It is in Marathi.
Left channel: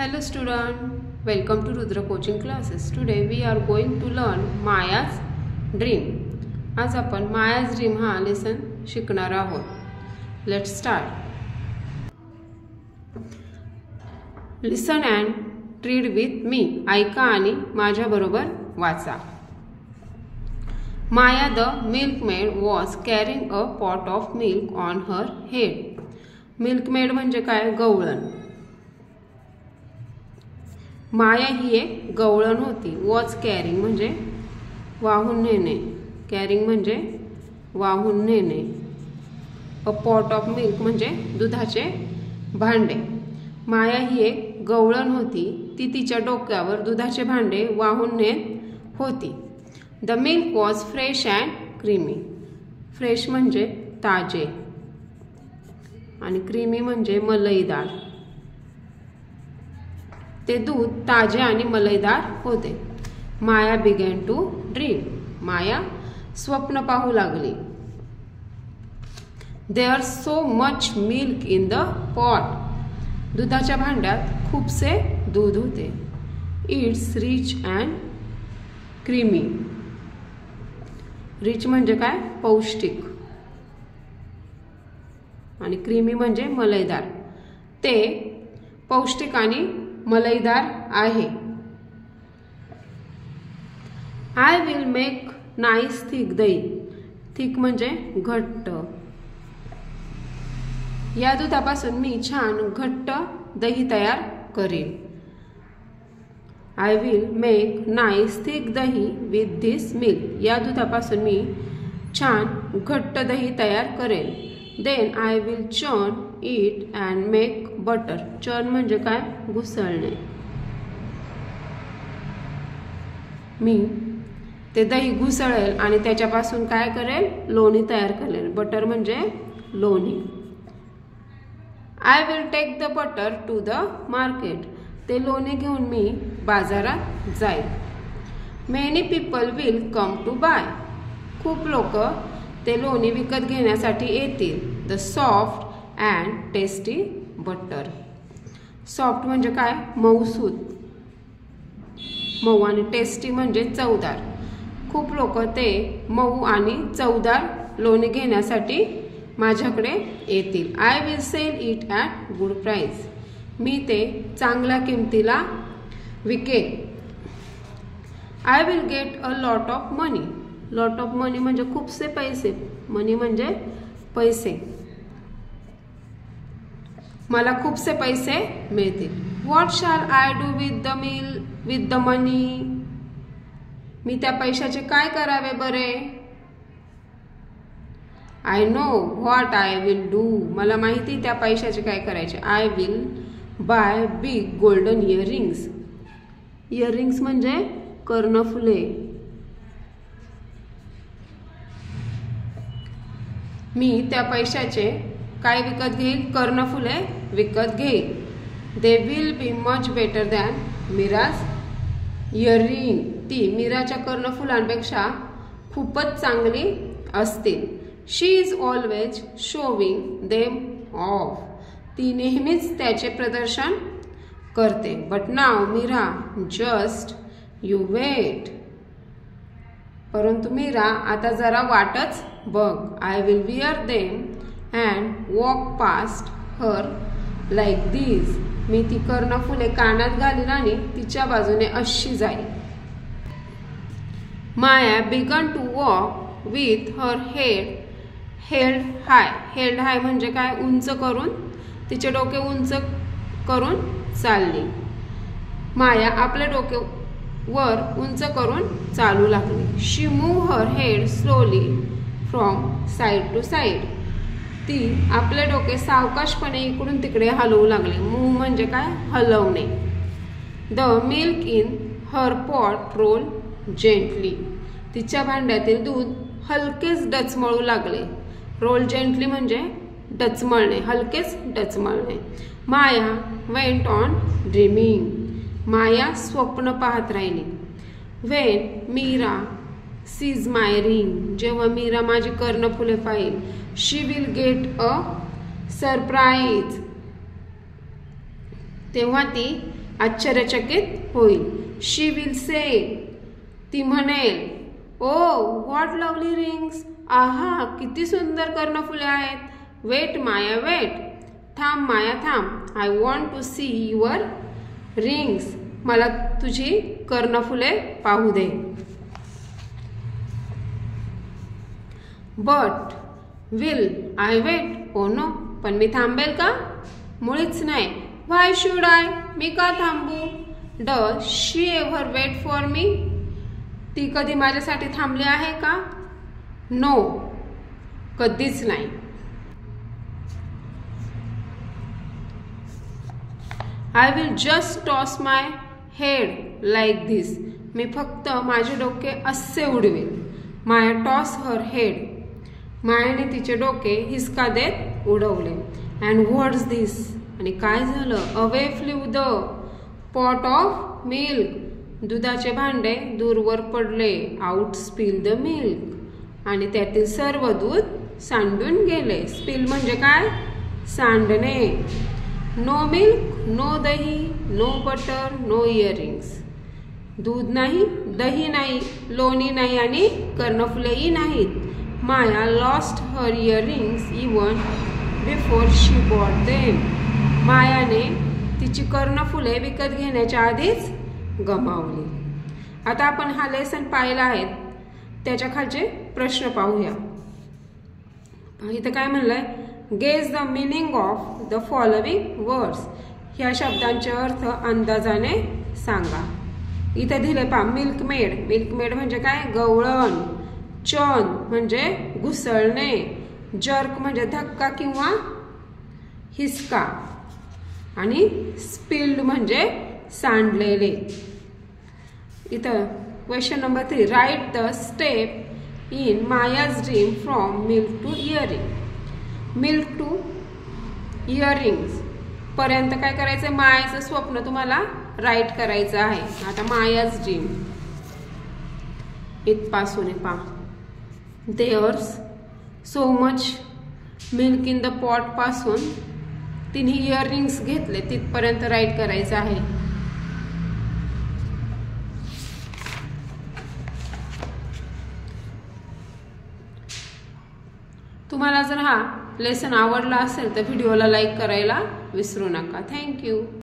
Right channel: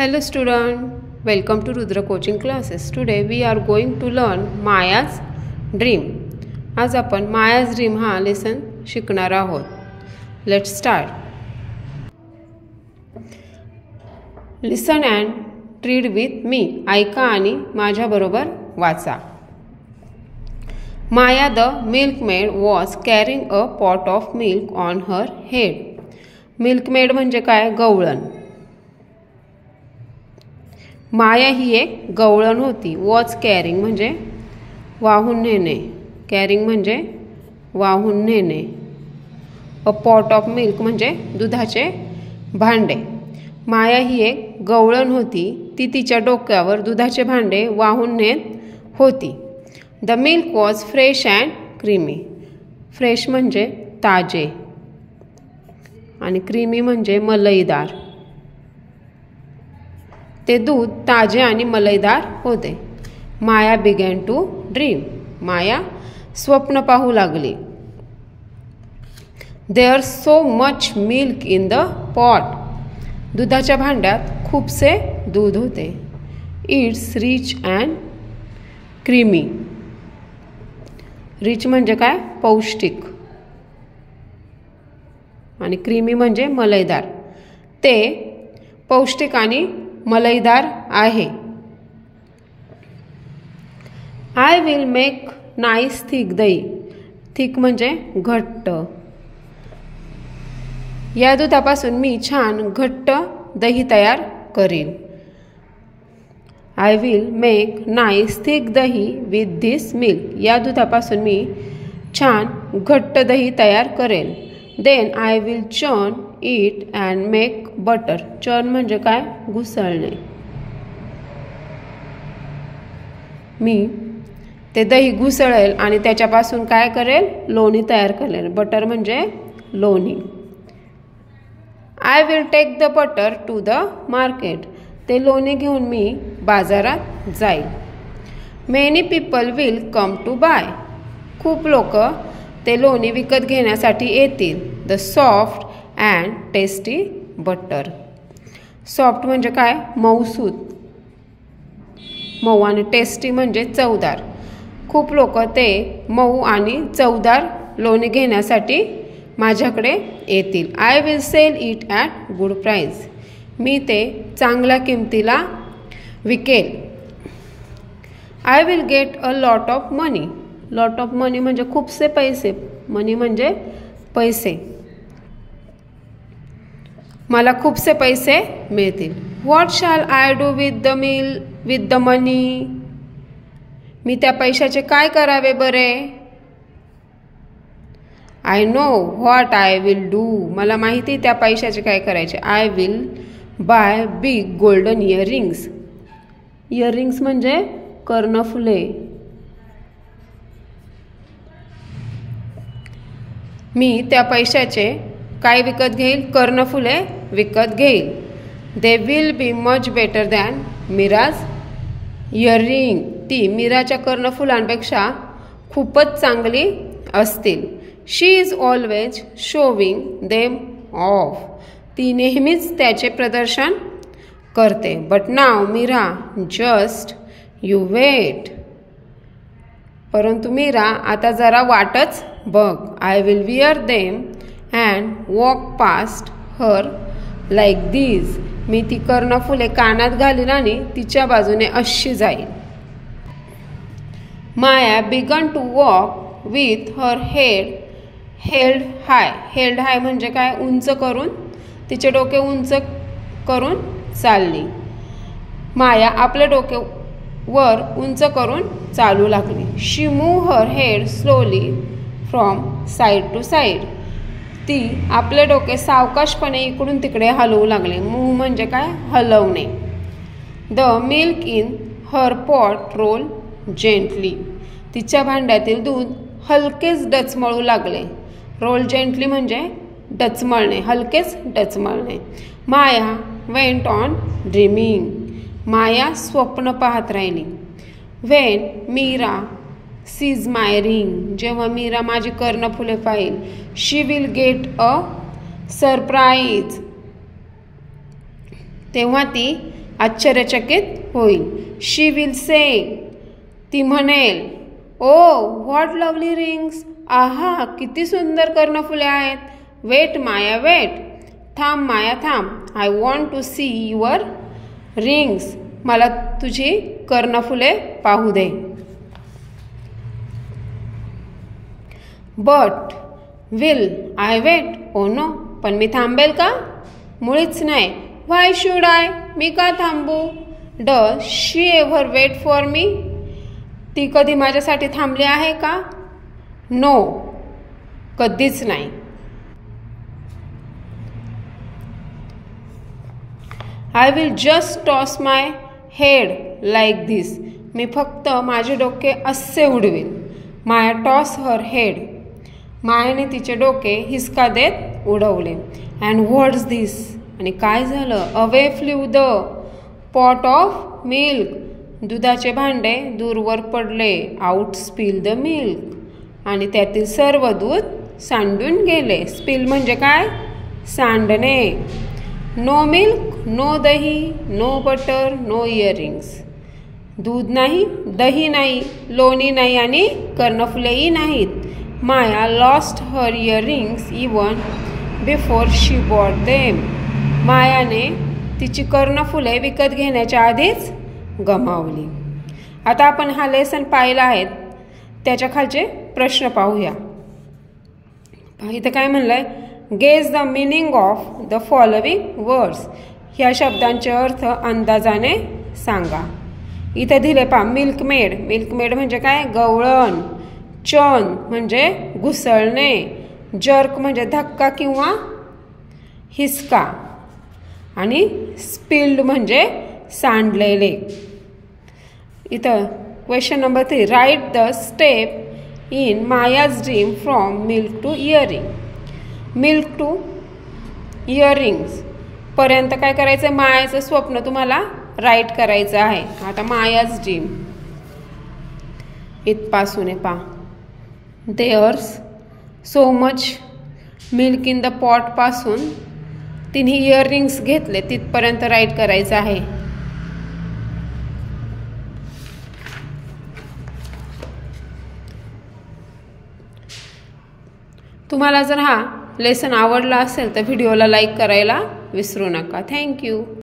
Hello student, welcome to Rudra coaching classes. Today we are going to learn Maya's dream. आज आपण Maya's dream हा लेसन शिकणार आहोत. Let's start. Listen and read with me. ऐका आणि माझ्या बरोबर वाचा. Maya the milkmaid was carrying a pot of milk on her head. Milkmaid म्हणजे काय? गवळण. माया ही एक गवळण होती. वॉज कॅरिंग म्हणजे वाहून नेणे. कॅरिंग म्हणजे वाहून नेणे. अ पॉट ऑफ मिल्क म्हणजे दुधाचे भांडे. माया ही एक गवळण होती. ती तिच्या डोक्यावर दुधाचे भांडे वाहून नेत होती. The milk was fresh and creamy. Fresh म्हणजे ताजे आणि क्रीमी म्हणजे मलईदार. ते दूध ताजे आणि मलईदार होते. Maya began to dream. Maya स्वप्न पाहू लागली. There so much milk in the pot. दुधाच्या भांड्यात खूपसे दूध होते. It's rich and creamy. Rich म्हणजे काय? पौष्टिक. आणि क्रीमी म्हणजे मलईदार. ते पौष्टिक आणि मलईदार आहे. I will make nice thick दही. थिक म्हणजे घट्ट. या दुधापासून मी छान घट्ट दही तयार करीन. I will make nice thick dahi with this milk. या दुधापासून मी छान घट्ट दही तयार करेन. Then I will churn it and make butter. Churn म्हणजे काय? घुसळणे. मी ते दही घुसळेल आणि त्याच्यापासून काय करेल? लोणी तयार करेल. बटर म्हणजे लोणी. I will take the butter to the market. ते लोणी घेऊन मी बाजारात जाईल. Many people will come to buy. खूप लोक ते लोणी विकत घेण्यासाठी येतील. The soft and tasty butter. Soft म्हणजे काय? मऊसूत. मऊ आणि टेस्टी म्हणजे चवदार. खूप लोक ते मऊ आणि चवदार लोणी घेण्यासाठी माझ्याकडे येतील. I will sell it at good price. मी ते चांगल्या किमतीला विकेल. I will get a lot of money. Lot of money म्हणजे खूपसे पैसे. मनी म्हणजे पैसे. मला खूपसे पैसे मिळतील. What shall I do with the money. मी त्या पैशाचे काय करावे बरे? I know what I will do. मला माहिती त्या पैशाचे काय करायचे. I will buy big golden earrings. Earrings म्हणजे कर्णफुले. मी त्या पैशाचे काय विकत घेईल? कर्णफुले विकत घेईल. They will be much better than Meera's earring. ती मीराच्या कर्णफुलांपेक्षा खूपच चांगली असतील. She is always showing them off. ती नेहमीच त्याचे प्रदर्शन करते. But now Meera just you wait. परंतु मीरा आता जरा वाटच बघ. I will wear them and walk past her like these. मी ती कर्णफुले कानात घालीन आणि तिच्या बाजूने अशी जाईल. Maya began to walk with her head held high. Held हाय म्हणजे काय? उंच करून. तिचे डोके उंच करून चालली. माया आपले डोके वर उंच करून चालू लागली. She move her head slowly from side to side. ती आपले डोके सावकाशपणे इकडून तिकडे हलवू लागले. मूव्ह म्हणजे काय? हलवणे. The milk in her pot roll gently. तिच्या भांड्यातील दूध हलकेच डचमळू लागले. रोल जेंटली म्हणजे डचमळणे, हलकेच डचमळणे. Maya went on dreaming. Maya स्वप्न पाहत राहिली. When Meera sees my ring. जेव्हा मीरा माझी कर्णफुले पाहिल. She will get a surprise. तेव्हा ती आश्चर्यचकित होईल. शी विल से, ती म्हणेल, ओ व्हॉट लवली रिंग्स, आहा किती सुंदर कर्णफुले आहेत. वेट माया वेट, थांब माया थांब. I want to see your rings, मला तुझी कर्णफुले पाहू दे. But will I wait, oh no, पण मी थांबेल का? मुळीच नाही. व्हाय शुड आय, मी का थांबू? Does she ever wait for me, ती कधी माझ्यासाठी थांबली आहे का? नो, कधीच नाही. I will just toss my head like this, मी फक्त माझे डोके असे उडवेल. माया टॉस हर हेड, मायाने तिचे डोके हिसका देत उडवले. अँड व्हॉट्स धिस, आणि काय झालं? Away flew the pot of milk, दुधाचे भांडे दूरवर पडले. आउट स्पिल द मिल्क, आणि त्यातील सर्व दूध सांडून गेले. स्पिल म्हणजे काय? सांडणे. No milk, no dahi, no butter, no earrings, दूध नाही, दही नाही, लोणी नाही आणि कर्णफुलेही नाहीत. Maya lost her earrings even before she bought them, मायाने तिची कर्णफुले विकत घेण्याच्या आधीच गमावली. आता आपण हा लेसन पाहिला आहे, त्याच्या खालचे प्रश्न पाहूया. इथं काय म्हणलंय? Guess the meaning of the following words, ह्या शब्दांचे अर्थ अंदाजाने सांगा. इथं दिले पहा, मिल्कमेड, मिल्कमेड म्हणजे काय? गवळण. चर्न म्हणजे घुसळणे. जर्क म्हणजे धक्का किंवा हिसका. आणि स्पिल्ड म्हणजे सांडलेले. इथं question number 3, write the step in Maya's dream from milk to earring. Milk to earrings पर्यंत काय करायचं? मायाचं स्वप्न तुम्हाला राईट करायचं आहे. आता मायाज ड्रीम इथपासून आहे पहा. There's so much milk in the pot पासून तिने इयरिंग्स घेतले तिथपर्यंत राईट करायचं आहे. तुम्हाला जर हा लेसन आवडला असेल तर व्हिडिओला लाईक करायला विसरू नका. थँक्यू.